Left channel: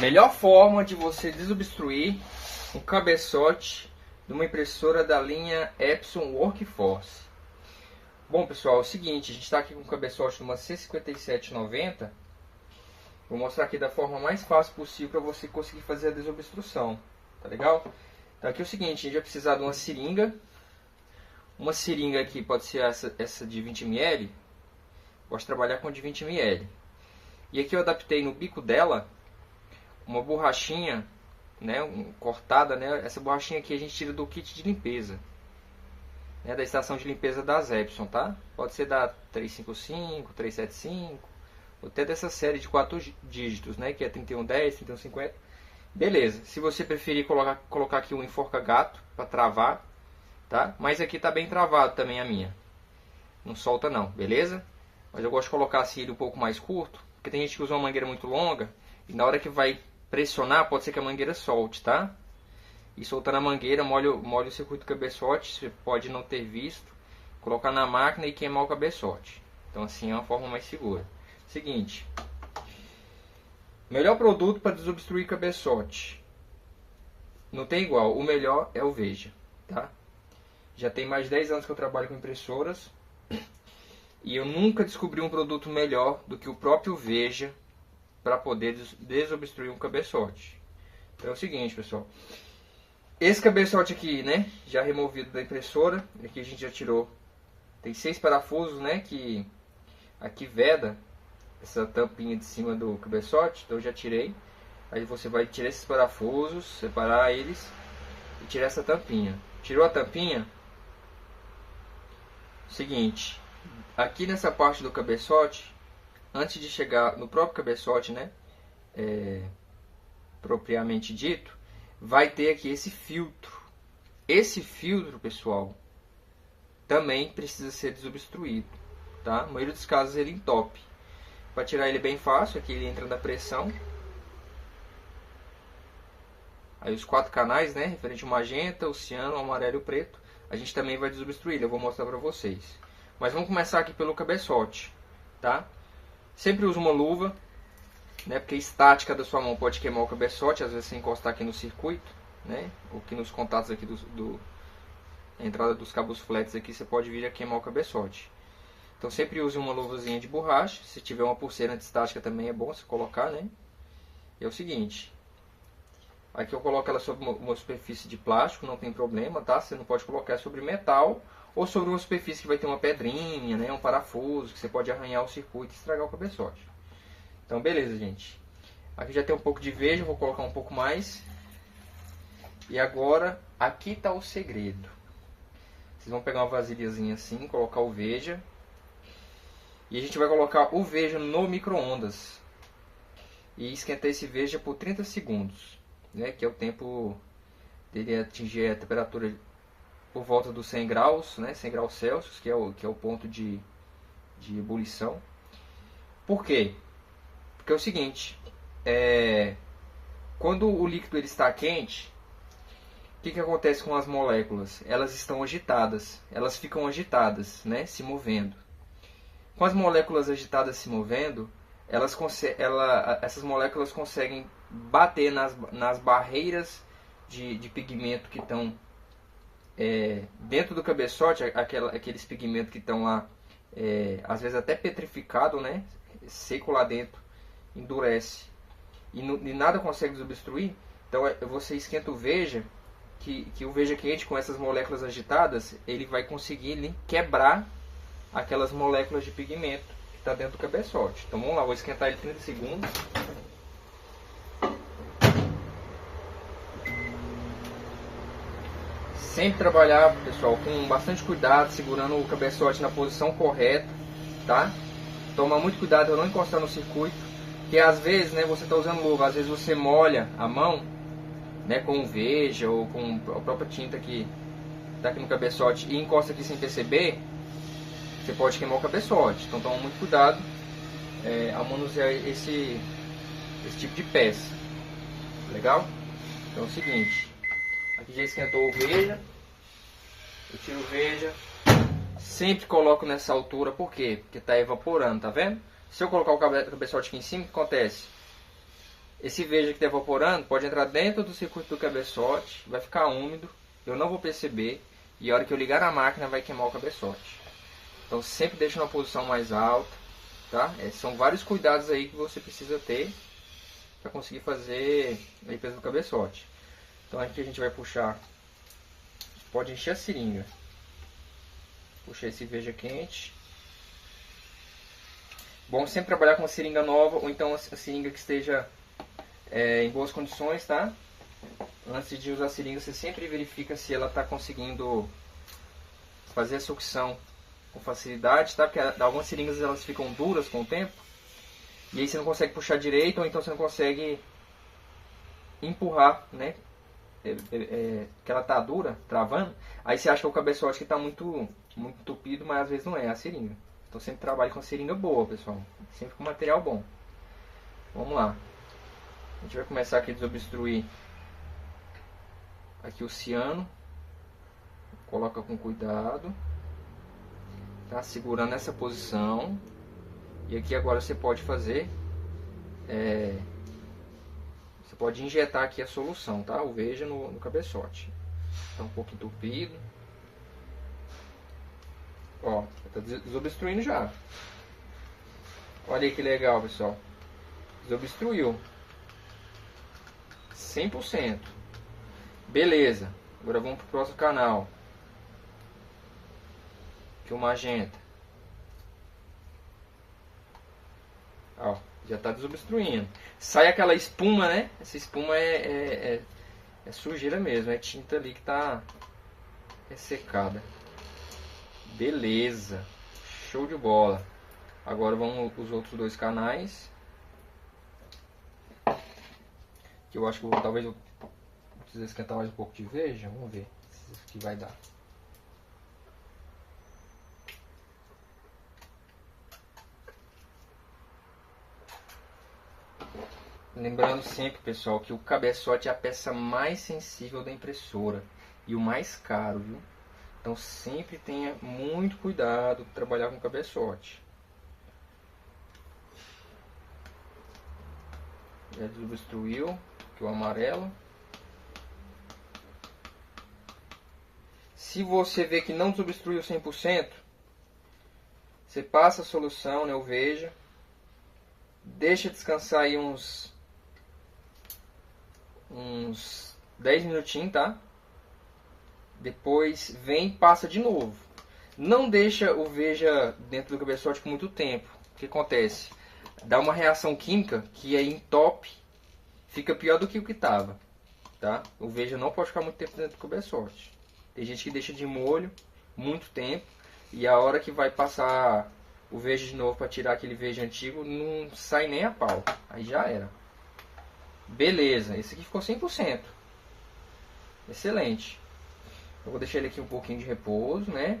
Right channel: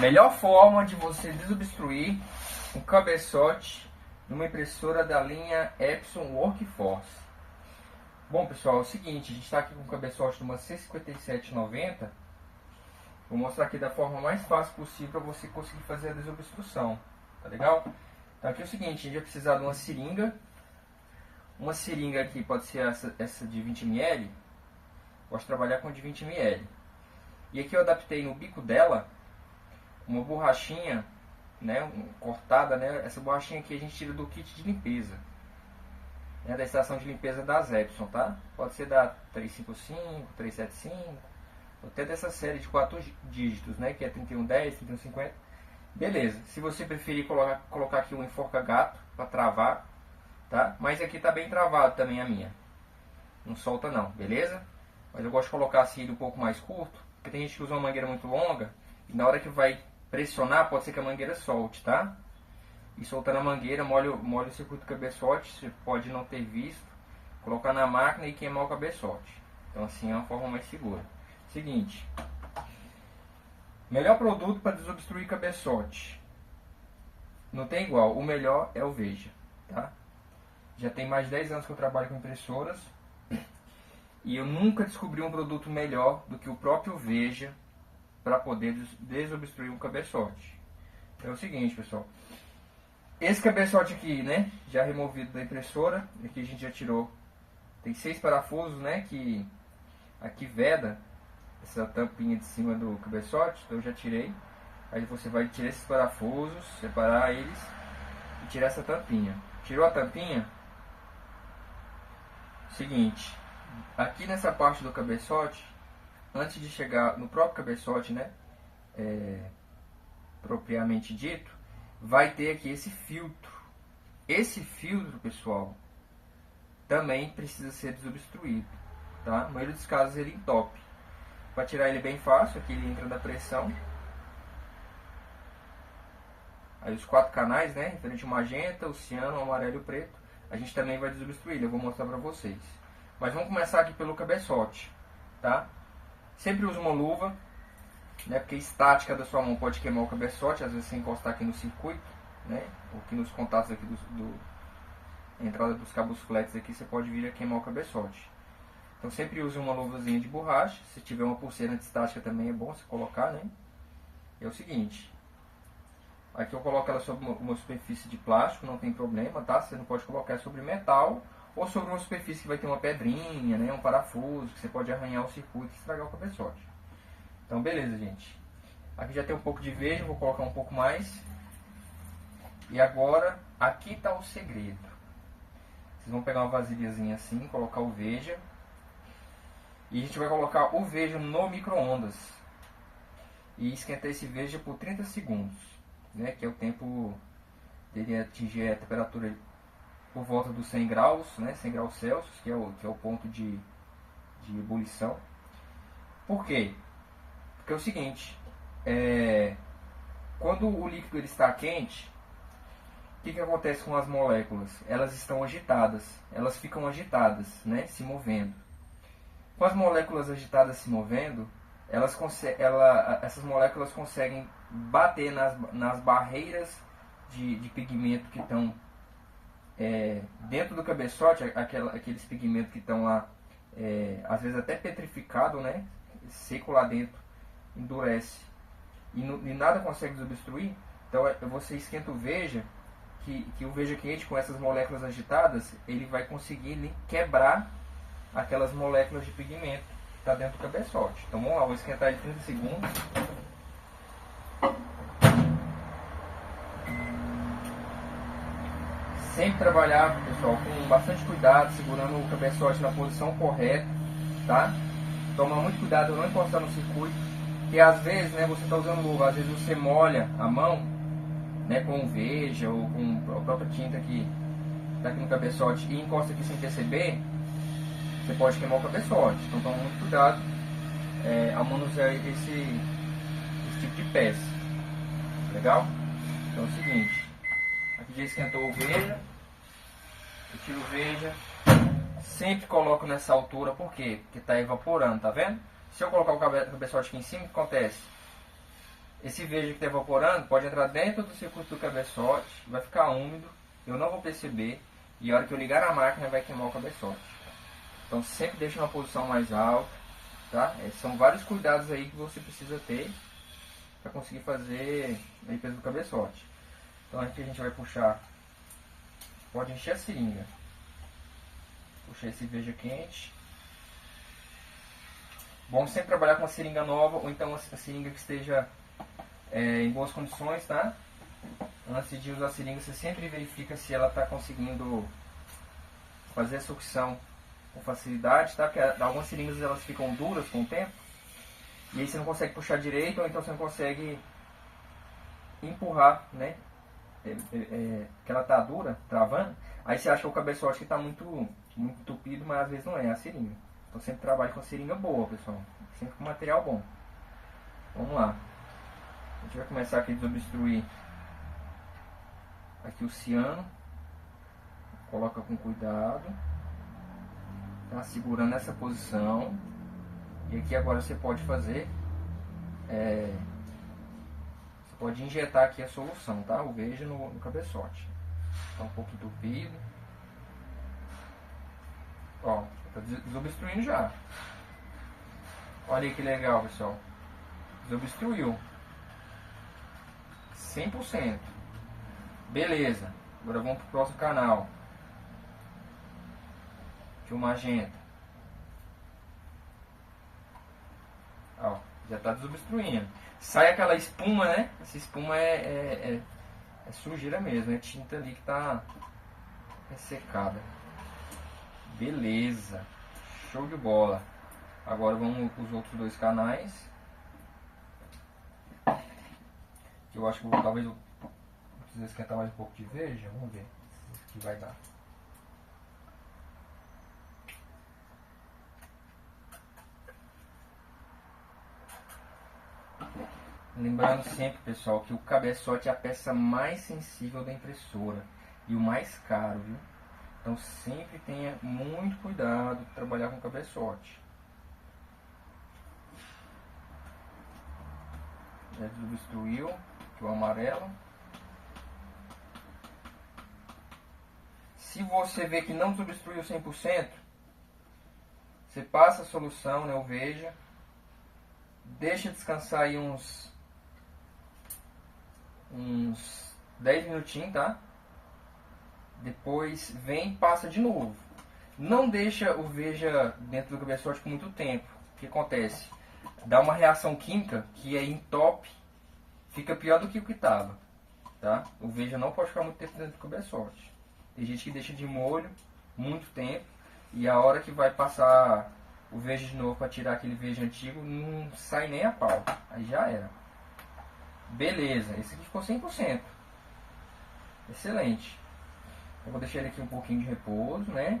Melhor forma de você desobstruir um cabeçote de uma impressora da linha Epson Workforce. Bom pessoal, é o seguinte, a gente está aqui com um cabeçote de uma C5790. Vou mostrar aqui da forma mais fácil possível para você conseguir fazer a desobstrução, tá legal? Então aqui é o seguinte, a gente vai precisar de uma seringa. Uma seringa aqui pode ser essa de 20 ml. Gosto de trabalhar com de 20 ml. E aqui eu adaptei no bico dela uma borrachinha, né, cortada, né? Essa borrachinha aqui a gente tira do kit de limpeza, né, da estação de limpeza das Epson, tá? Pode ser da 355, 375, ou até dessa série de 4 dígitos, né, que é 3110, 3150. Beleza. Se você preferir colocar aqui um enforca-gato para travar, tá? Mas aqui tá bem travado também a minha. Não solta não, beleza? Mas eu gosto de colocar assim ele um pouco mais curto, porque tem gente que usa uma mangueira muito longa e na hora que vai pressionar, pode ser que a mangueira solte, tá? E soltando a mangueira, molha o circuito do cabeçote, você pode não ter visto, colocar na máquina e queimar o cabeçote. Então assim é uma forma mais segura. Seguinte, melhor produto para desobstruir cabeçote. Não tem igual, o melhor é o Veja, tá? Já tem mais de 10 anos que eu trabalho com impressoras e eu nunca descobri um produto melhor do que o próprio Veja para poder desobstruir um cabeçote. Então é o seguinte, pessoal. Esse cabeçote aqui, né, já removido da impressora, aqui a gente já tirou. Tem 6 parafusos, né, que aqui veda essa tampinha de cima do cabeçote, então eu já tirei. Aí você vai tirar esses parafusos, separar eles e tirar essa tampinha. Tirou a tampinha? Seguinte, aqui nessa parte do cabeçote, antes de chegar no próprio cabeçote, né, propriamente dito, vai ter aqui esse filtro. Esse filtro, pessoal, também precisa ser desobstruído, tá? Na maioria dos casos ele entope. Para tirar ele é bem fácil, aqui ele entra da pressão. Aí os 4 canais, né, referente ao magenta, o ciano, o amarelo e o preto, a gente também vai desobstruir, eu vou mostrar para vocês. Mas vamos começar aqui pelo cabeçote, tá? Sempre usa uma luva, né, porque a estática da sua mão pode queimar o cabeçote, às vezes você encostar aqui no circuito, né, ou aqui nos contatos aqui a entrada dos cabos flats aqui, você pode vir a queimar o cabeçote. Então sempre use uma luvazinha de borracha, se tiver uma pulseira anti-estática também é bom você colocar, né. E é o seguinte, aqui eu coloco ela sobre uma superfície de plástico, não tem problema, tá? Você não pode colocar sobre metal ou sobre uma superfície que vai ter uma pedrinha, né, um parafuso, que você pode arranhar o circuito e estragar o cabeçote. Então beleza, gente. Aqui já tem um pouco de Veja, vou colocar um pouco mais. E agora, aqui está o segredo. Vocês vão pegar uma vasilhazinha assim, colocar o Veja. E a gente vai colocar o Veja no micro-ondas. E esquentar esse Veja por 30 segundos. Né, que é o tempo dele atingir a temperatura por volta dos 100 graus, né, 100 graus Celsius, que é o ponto de ebulição. Por quê? Porque é o seguinte, quando o líquido ele está quente, o que acontece com as moléculas? Elas estão agitadas, elas ficam agitadas, né, se movendo. Com as moléculas agitadas se movendo, essas moléculas conseguem bater nas barreiras de pigmento que estão dentro do cabeçote, aqueles pigmentos que estão lá, às vezes até petrificado, né, seco lá dentro, endurece e nada consegue desobstruir. Então você esquenta o Veja, que o Veja quente com essas moléculas agitadas, ele vai conseguir quebrar aquelas moléculas de pigmento que está dentro do cabeçote. Então vamos lá, vou esquentar ele 30 segundos. Sempre trabalhar, pessoal, com bastante cuidado, segurando o cabeçote na posição correta, tá? Toma muito cuidado para não encostar no circuito, porque às vezes, né, você está usando luva, às vezes você molha a mão, né, com Veja ou com a própria tinta que está aqui no cabeçote e encosta aqui sem perceber, você pode queimar o cabeçote. Então toma muito cuidado ao manusear esse tipo de peça. Legal? Então é o seguinte, aqui já esquentou o Veja, eu tiro o Veja, sempre coloco nessa altura, por quê? Porque está evaporando, tá vendo? Se eu colocar o cabeçote aqui em cima, o que acontece? Esse veja que está evaporando pode entrar dentro do circuito do cabeçote, vai ficar úmido, eu não vou perceber, e a hora que eu ligar a máquina vai queimar o cabeçote. Então sempre deixe numa posição mais alta, tá? São vários cuidados aí que você precisa ter para conseguir fazer a limpeza do cabeçote. Então aqui a gente vai puxar, pode encher a seringa. Puxar esse veja quente. Bom sempre trabalhar com uma seringa nova, ou então a seringa que esteja em boas condições, tá? Antes de usar a seringa, você sempre verifica se ela está conseguindo fazer a sucção com facilidade, tá? Porque algumas seringas elas ficam duras com o tempo, e aí você não consegue puxar direito, ou então você não consegue empurrar, né? Que ela tá dura, travando, aí você acha que é o cabeçote que está muito entupido, mas às vezes não é, é a seringa. Então sempre trabalhe com seringa boa, pessoal, sempre com material bom. Vamos lá, a gente vai começar aqui a desobstruir aqui o ciano, coloca com cuidado, tá? Segurando essa posição, e aqui agora você pode fazer, você pode injetar aqui a solução, tá? O veja no cabeçote, tá um pouco entupido, ó, tá desobstruindo já, olha aí que legal, pessoal, desobstruiu, 100%. Beleza, agora vamos para o próximo canal. Aqui o magenta. Ó, já está desobstruindo. Sai aquela espuma, né? Essa espuma é sujeira mesmo, é tinta ali que está ressecada. Beleza, show de bola. Agora vamos para os outros dois canais. Que eu acho que talvez eu precise esquentar mais um pouco de veja. Vamos ver se isso aqui vai dar. Lembrando sempre, pessoal, que o cabeçote é a peça mais sensível da impressora e o mais caro, viu? Então sempre tenha muito cuidado de trabalhar com o cabeçote. Já desobstruiu aqui o amarelo. Se você vê que não desobstruiu 100%, você passa a solução, né, o veja, deixa descansar aí uns 10 minutinhos, tá? Depois vem e passa de novo. Não deixa o veja dentro do cabeçote por muito tempo. O que acontece? Dá uma reação química que aí entope, fica pior do que o que estava, tá? O veja não pode ficar muito tempo dentro do cabeçote. Tem gente que deixa de molho muito tempo e a hora que vai passar o veja de novo para tirar aquele veja antigo, não sai nem a pau. Aí já era. Beleza, esse aqui ficou 100%. Excelente. Eu vou deixar ele aqui um pouquinho de repouso, né?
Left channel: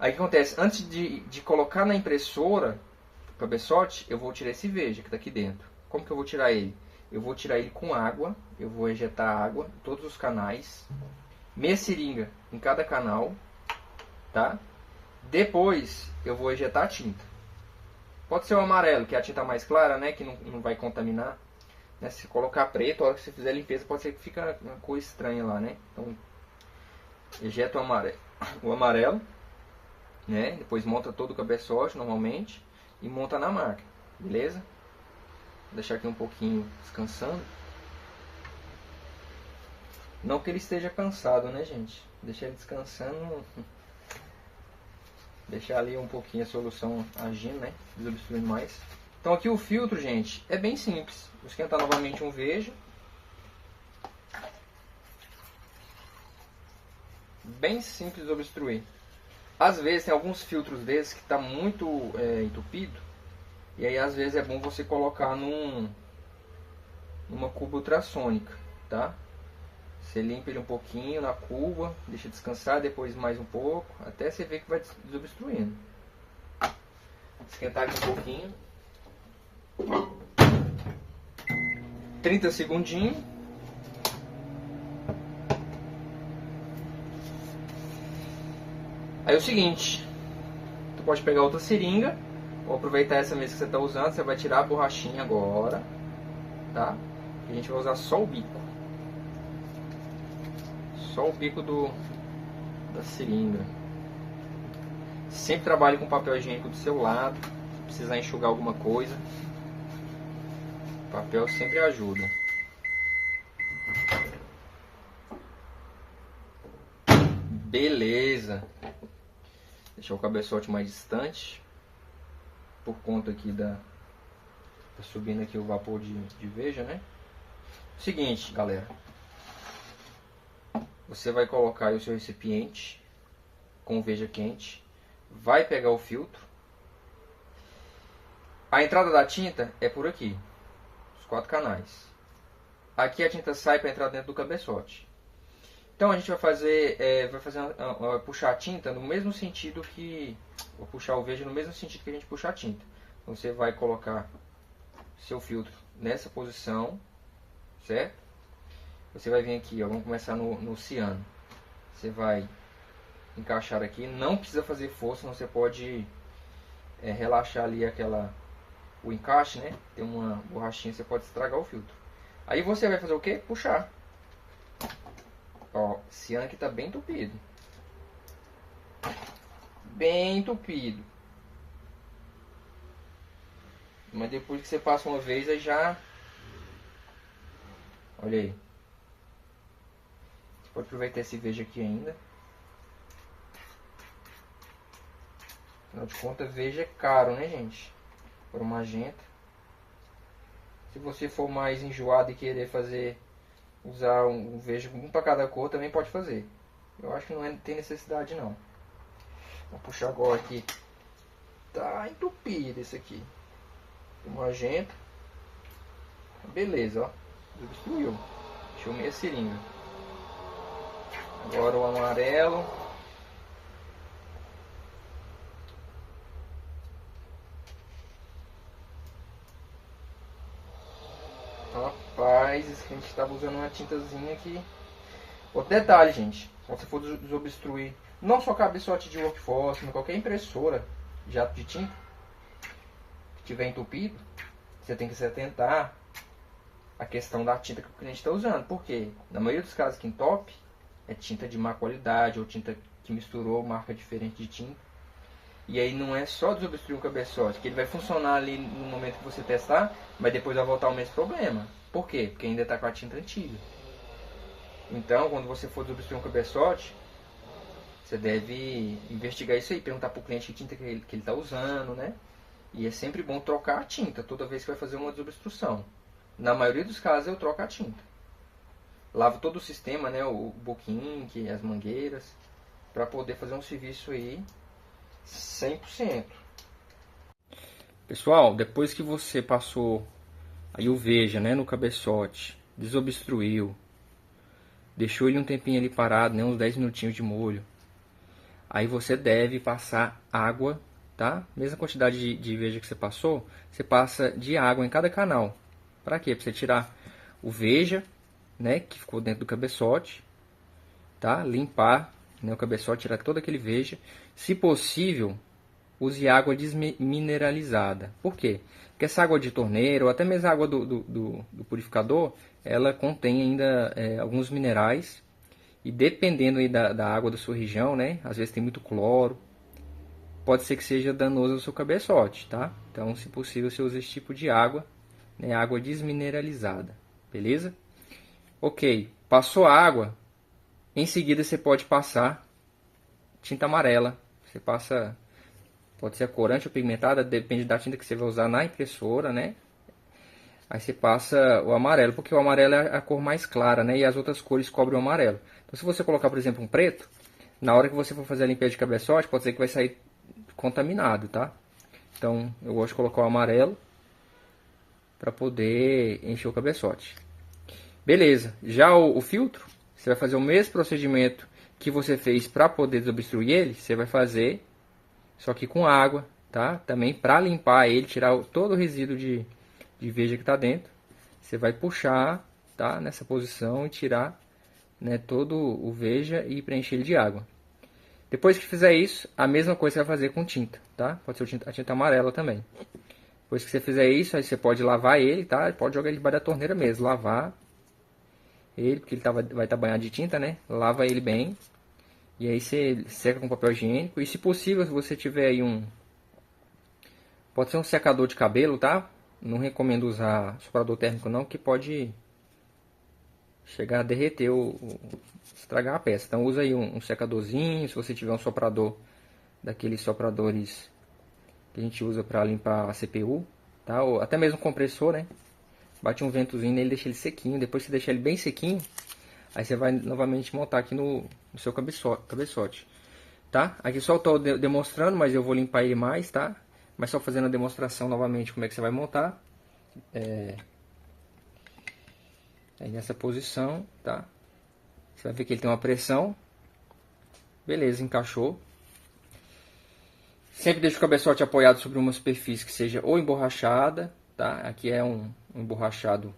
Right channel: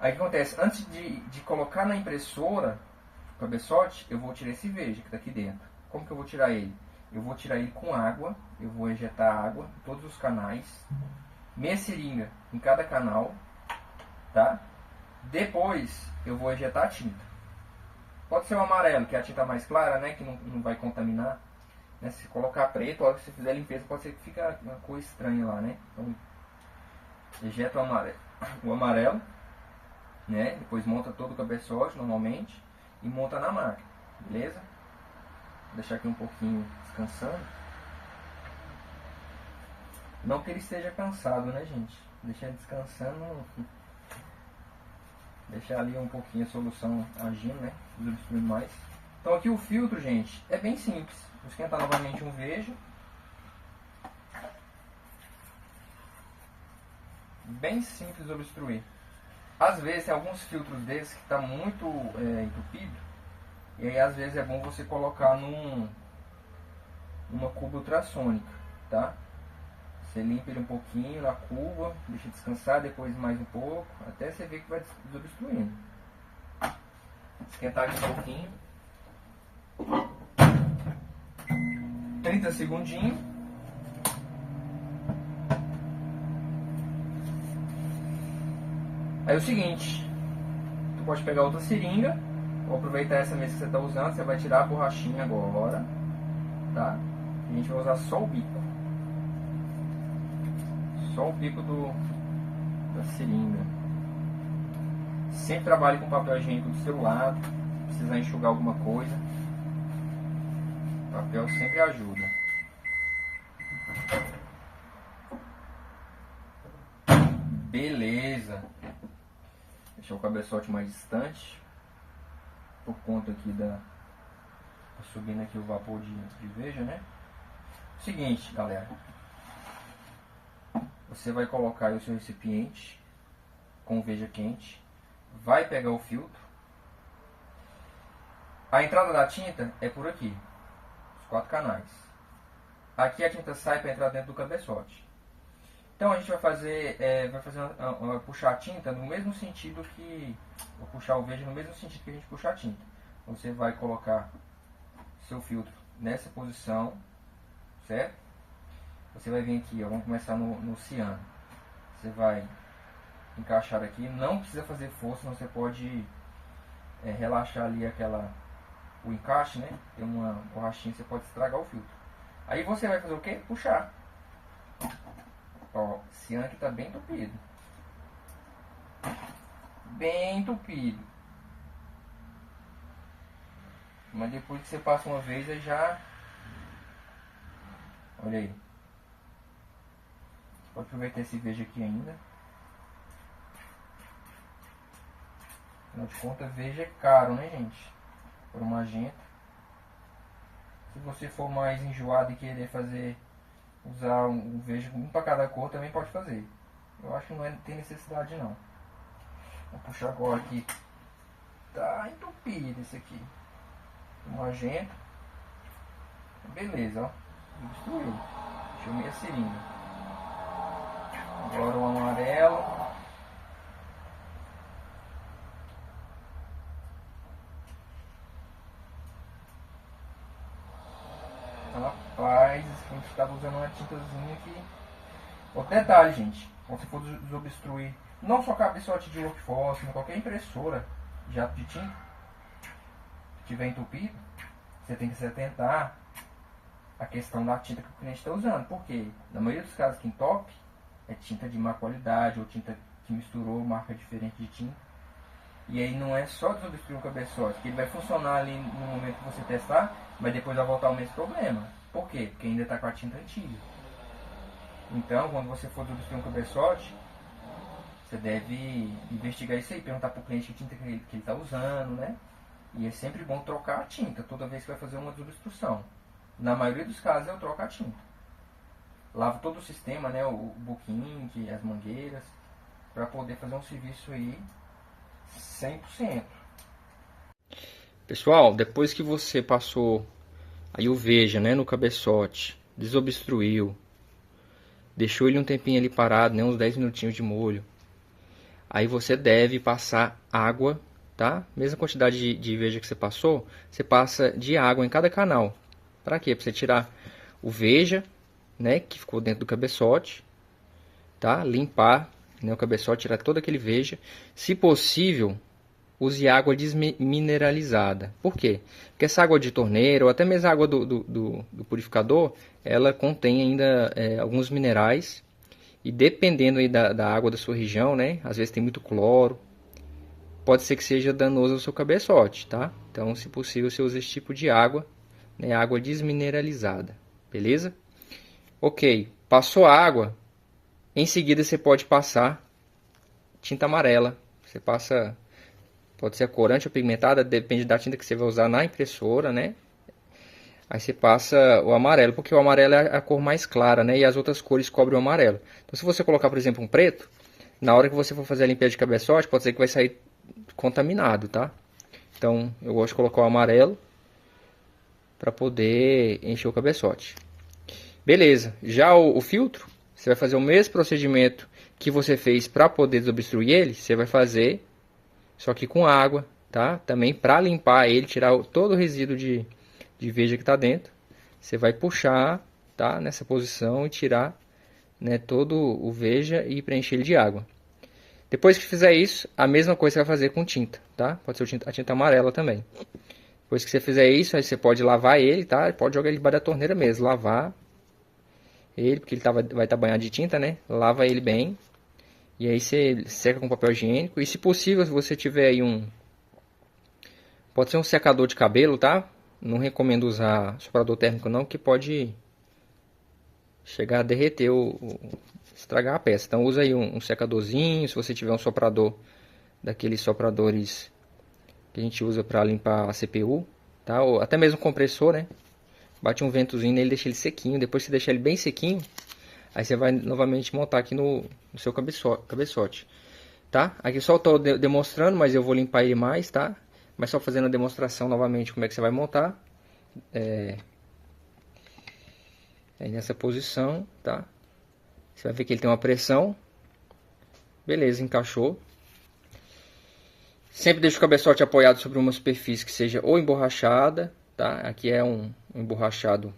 Aí o que acontece? Antes de colocar na impressora o cabeçote, eu vou tirar esse veja que está aqui dentro. Como que eu vou tirar ele? Eu vou tirar ele com água. Eu vou injetar água em todos os canais. Meia seringa em cada canal, tá? Depois eu vou injetar a tinta. Pode ser o amarelo, que é a tinta mais clara, né? Que não vai contaminar. Né? Se colocar preto, a hora que você fizer a limpeza, pode ser que fique uma cor estranha lá, né? Então, injeta o amarelo, né? Depois monta todo o cabeçote normalmente e monta na máquina, beleza? Vou deixar aqui um pouquinho descansando. Não que ele esteja cansado, né, gente? Deixar ele descansando. Deixar ali um pouquinho a solução agindo, né? Desobstruindo mais. Então aqui o filtro, gente, é bem simples. Vou esquentar novamente um veja. Bem simples de obstruir. Às vezes tem alguns filtros desses que está muito entupido. E aí às vezes é bom você colocar numa cuba ultrassônica, tá? Você limpa ele um pouquinho na cuba, deixa descansar, depois mais um pouco, até você ver que vai desobstruindo. Esquentar aqui um pouquinho. 30 segundinhos. Aí é o seguinte, tu pode pegar outra seringa, ou aproveitar essa mesma que você está usando, você vai tirar a borrachinha agora. tá? A gente vai usar só o bico. Só o bico da seringa. Sempre trabalhe com papel higiênico do seu lado. Se precisar enxugar alguma coisa, papel sempre ajuda. Beleza. Deixar o cabeçote mais distante. Por conta aqui tá subindo aqui o vapor de veja, né? Seguinte, galera. Você vai colocar aí o seu recipiente com veja quente. Vai pegar o filtro. A entrada da tinta é por aqui. Os 4 canais. Aqui a tinta sai para entrar dentro do cabeçote. Então a gente vai puxar a tinta no mesmo sentido que... Vou puxar o veja no mesmo sentido que a gente puxa a tinta. Você vai colocar seu filtro nessa posição, certo? Você vai vir aqui, ó, vamos começar no ciano. Você vai encaixar aqui, não precisa fazer força, você pode relaxar ali o encaixe, né? Tem uma borrachinha, você pode estragar o filtro. Aí você vai fazer o que? Puxar. Ó, esse ciano aqui tá bem entupido. Bem entupido. Mas depois que você passa uma vez, aí já... Olha aí. Você pode aproveitar esse veja aqui ainda. Afinal de contas, veja é caro, né, gente? Por magenta. Se você for mais enjoado e querer usar um veja um para cada cor, também pode fazer. Eu acho que não tem necessidade, não. Vou puxar agora aqui. Tá entupido esse aqui. O magenta. Beleza, ó. Destruiu. Deixou meia seringa. Agora o amarelo. Rapaz, a gente estava usando uma tintazinha aqui. Outro detalhe, gente. Quando você for desobstruir, não só cabeçote de workforce, mas qualquer impressora jato de tinta que tiver entupido, você tem que se atentar à questão da tinta que o cliente está usando. Porque na maioria dos casos que entope é tinta de má qualidade ou tinta que misturou marca diferente de tinta. E aí não é só desobstruir o cabeçote, que ele vai funcionar ali no momento que você testar, mas depois vai voltar o mesmo problema. Por quê? Porque ainda está com a tinta antiga. Então, quando você for desobstruir um cabeçote, você deve investigar isso aí, perguntar para o cliente que tinta que ele está usando, né? E é sempre bom trocar a tinta toda vez que vai fazer uma desobstrução. Na maioria dos casos eu troco a tinta. Lavo todo o sistema, né? O book ink, as mangueiras, para poder fazer um serviço aí 100%. Pessoal, depois que você passou aí o veja, né, no cabeçote, desobstruiu, deixou ele um tempinho ali parado, né, uns 10 minutinhos de molho, aí você deve passar água, tá? Mesma quantidade de veja que você passou, você passa de água em cada canal. Para quê? Para você tirar o veja, né, que ficou dentro do cabeçote, tá? Limpar, né, o cabeçote, tirar todo aquele veja. Se possível, use água desmineralizada. Por quê? Porque essa água de torneira, ou até mesmo a água do purificador, ela contém ainda alguns minerais. E dependendo aí da água da sua região, né? Às vezes tem muito cloro. Pode ser que seja danoso ao seu cabeçote, tá? Então, se possível, você usa esse tipo de água, né? Água desmineralizada. Beleza? Ok. Passou a água. Em seguida, você pode passar tinta amarela. Você passa... Pode ser a corante ou pigmentada, depende da tinta que você vai usar na impressora, né? Aí você passa o amarelo, porque o amarelo é a cor mais clara, né? E as outras cores cobrem o amarelo. Então, se você colocar, por exemplo, um preto, na hora que você for fazer a limpeza de cabeçote, pode ser que vai sair contaminado, tá? Então, eu gosto de colocar o amarelo para poder encher o cabeçote. Beleza. Já o filtro, você vai fazer o mesmo procedimento que você fez para poder desobstruir ele, você vai fazer... Só que com água, tá? Também para limpar ele, tirar todo o resíduo de veja que está dentro. Você vai puxar, tá? Nessa posição e tirar, né, todo o veja e preencher ele de água. Depois que fizer isso, a mesma coisa você vai fazer com tinta, tá? Pode ser a tinta amarela também. Depois que você fizer isso, aí você pode lavar ele, tá? Pode jogar ele debaixo da torneira mesmo, lavar ele, porque ele vai estar banhado de tinta, né? Lava ele bem. E aí você seca com papel higiênico. E se possível, se você tiver aí pode ser um secador de cabelo, tá? Não recomendo usar soprador térmico não, que pode chegar a derreter estragar a peça. Então usa aí um secadorzinho, se você tiver um soprador daqueles sopradores que a gente usa para limpar a CPU, tá? Ou até mesmo compressor, né? Bate um ventozinho nele, deixa ele sequinho. Depois você deixa ele bem sequinho, aí você vai novamente montar aqui no seu cabeçote, tá? Aqui só estou demonstrando, mas eu vou limpar ele mais, tá? Mas só fazendo a demonstração novamente como é que você vai montar. Aí nessa posição, tá? Você vai ver que ele tem uma pressão. Beleza, encaixou. Sempre deixa o cabeçote apoiado sobre uma superfície que seja ou emborrachada, tá? Aqui é um emborrachado,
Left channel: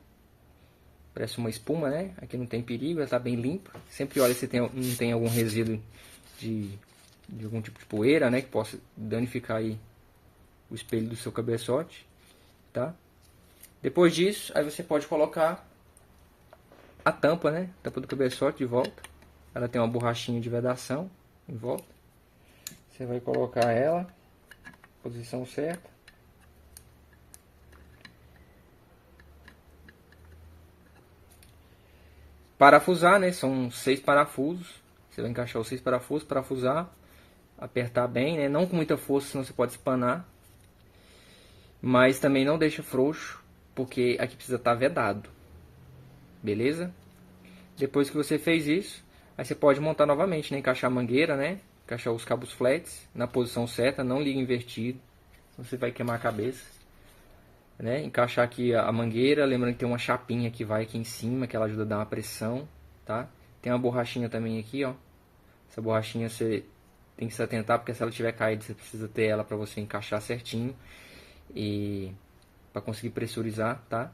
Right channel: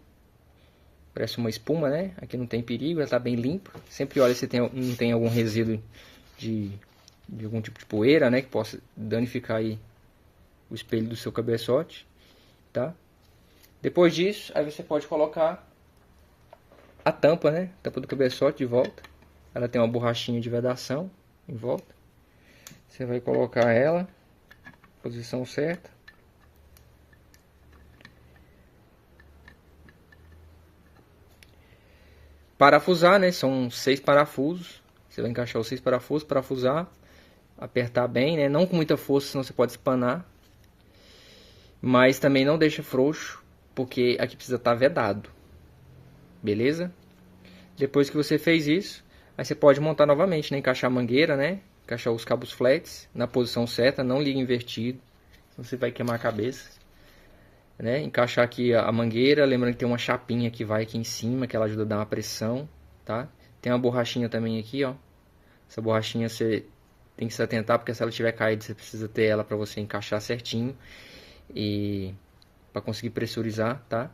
parece uma espuma, né? Aqui não tem perigo, ela tá bem limpa. Sempre olha se não tem algum resíduo de algum tipo de poeira, né? Que possa danificar aí o espelho do seu cabeçote, tá? Depois disso, aí você pode colocar a tampa, né? Tampa do cabeçote de volta. Ela tem uma borrachinha de vedação em volta. Você vai colocar ela, posição certa. Parafusar, né? São 6 parafusos. Você vai encaixar os 6 parafusos, parafusar, apertar bem, né? Não com muita força, senão você pode espanar. Mas também não deixa frouxo, porque aqui precisa estar vedado. Beleza? Depois que você fez isso, aí você pode montar novamente, né? Encaixar a mangueira, né? Encaixar os cabos flats na posição certa, não liga invertido, você vai queimar a cabeça, né? Encaixar aqui a mangueira, lembrando que tem uma chapinha que vai aqui em cima, que ela ajuda a dar uma pressão, tá? Tem uma borrachinha também aqui, ó. Essa borrachinha você tem que se atentar, porque se ela tiver caído, você precisa ter ela para você encaixar certinho e para conseguir pressurizar, tá?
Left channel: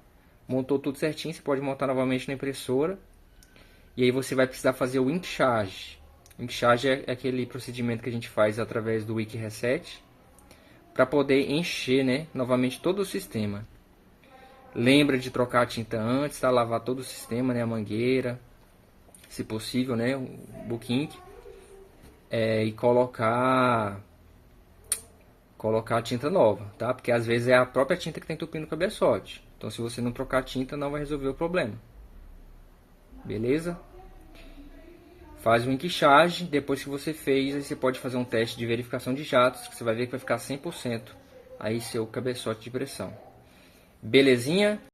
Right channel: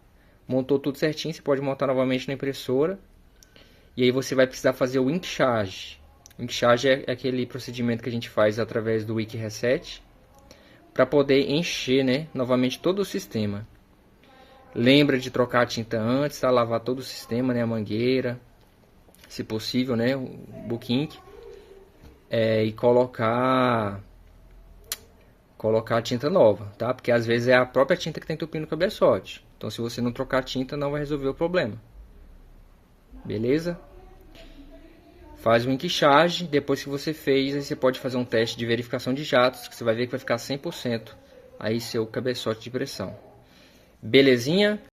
Montou tudo certinho, você pode montar novamente na impressora. E aí você vai precisar fazer o ink charge. Ink charge é aquele procedimento que a gente faz através do Ink Reset para poder encher, né, novamente todo o sistema. Lembra de trocar a tinta antes, tá? Lavar todo o sistema, né, a mangueira, se possível, né, o Book Ink, e colocar a tinta nova, tá? Porque às vezes é a própria tinta que está entupindo o cabeçote. Então se você não trocar a tinta, não vai resolver o problema. Beleza? Faz o ink charge, depois que você fez, aí você pode fazer um teste de verificação de jatos, que você vai ver que vai ficar 100% aí seu cabeçote de pressão. Belezinha?